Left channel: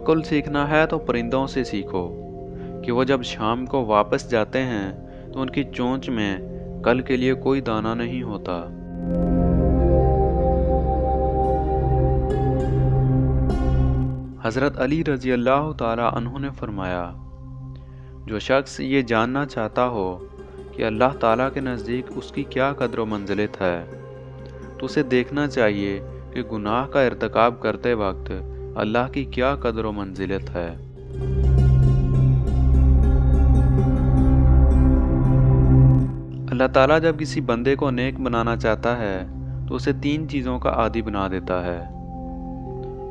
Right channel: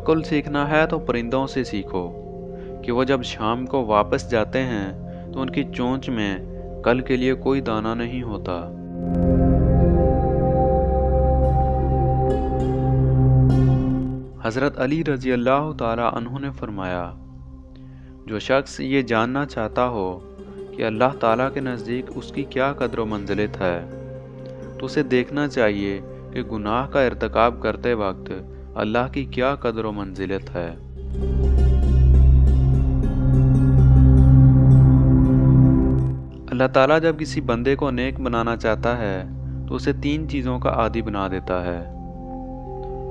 तवक्कुल सीखना है तो परिंदों से सीखो कि वो जब शाम को वापस जाते हैं तो उनकी चोंच में कल के लिए कोई दाना नहीं होता। हज़रत अली रज़ी अल्लाह ताला अन्हु ने फरमाया, जो शख्स ये जानना चाहता हो कि अल्लाह ताला के नज़दीक उसकी क्या कद्र व मंज़िलत है, तो उसे देखना चाहिए कि गुनाह का इर्तिकाब करते वक्त अल्लाह की क्या कद्र व मंज़िलत है। अल्लाह ताला जब किसी बंदे को नेक बनाना चाहता है तो उसे 3 चीज़ों का आदी बना देता है।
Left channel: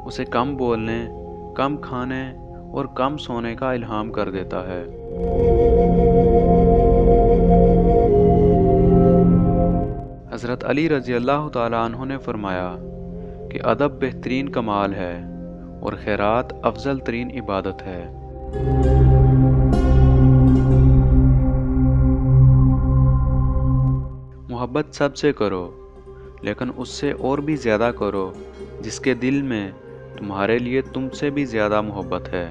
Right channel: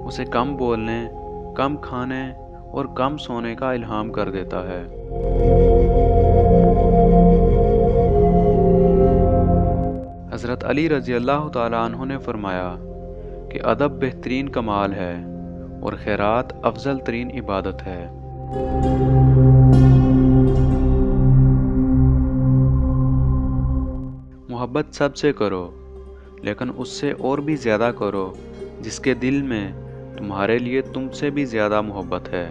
उसे कम बोलने, कम खाने और कम सोने का इल्हाम कर देता है। हज़रत अली रज़ी अल्लाह ताला अन्हु ने फरमाया कि अदब बेहतरीन कमाल है और खैरात अफजल तरीन इबादत है। मोहब्बत सबसे करो, लेकिन उससे और भी ज़्यादा करो जिसके दिल में तुम्हारे लिए तुमसे भी ज़्यादा मोहब्बत है।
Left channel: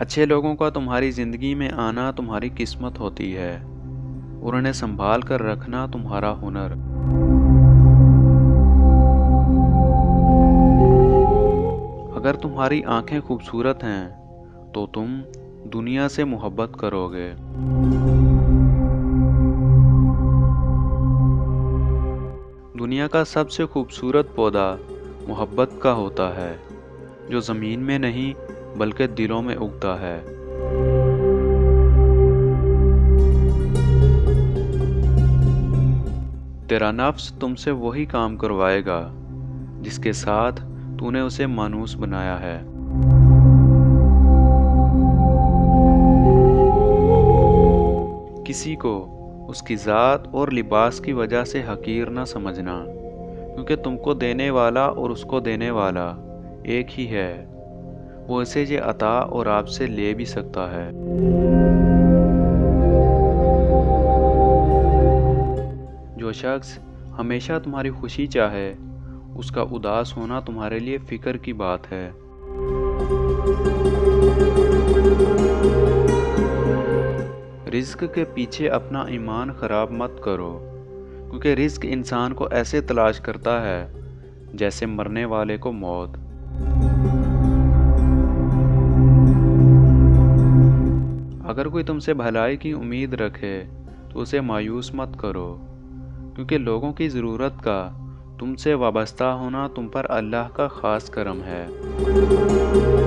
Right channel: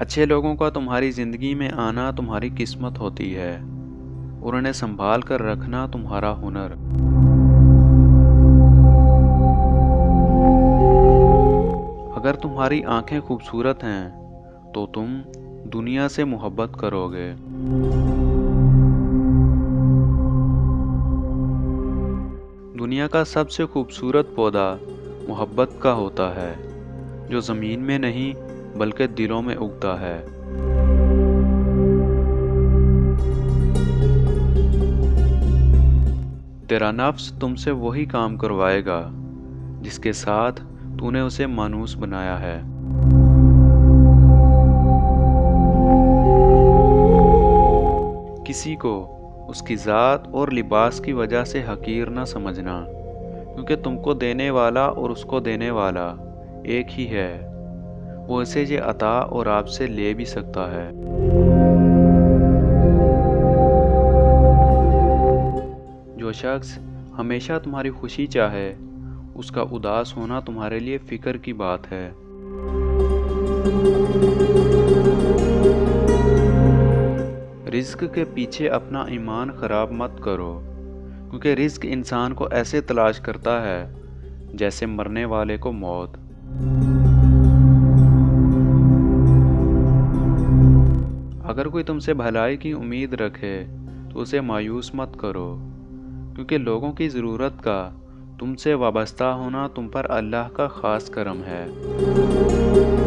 अच्छे लोगों का तुम्हारी ज़िंदगी में आना तुम्हारी किस्मत होती है और उन्हें संभाल कर रखना तुम्हारा हुनर। अगर तुम्हारी आंखें खूबसूरत हैं तो तुम दुनिया से मोहब्बत करोगे। दुनिया का सबसे खूबसूरत पौधा मोहब्बत का होता है, जो ज़मीन में नहीं बल्कि दिलों में उगता है। तेरा नफ्स तुमसे वही काम करवाएगा जिसके साथ तूने उसे मानूस बनाया है। किसी को उसकी ज़ात और लिबास की वजह से हकीर न समझना, क्योंकि तुमको देने वाला और उसको देने वाला एक ही है। वो इसे ये अता और आपसे ले भी सकता है। जो शख्स हमेशा तुम्हारी खुशी चाहे, उसका उदास होना तुम्हारे लिए फ़िक्र की बात है। रिज़्क के पीछे अपना ईमान ख़राब मत करो, क्योंकि रिज़्क इंसान को ऐसे तलाश करता है जैसे मरने वाले को मौत। अगर कोई तुमसे भलाई की उम्मीद रखे तो उसे मायूस मत करो, क्योंकि लोगों की ज़रूरत का तुमसे वाबस्ता होना तुम पर अल्लाह का ख़ास करम है।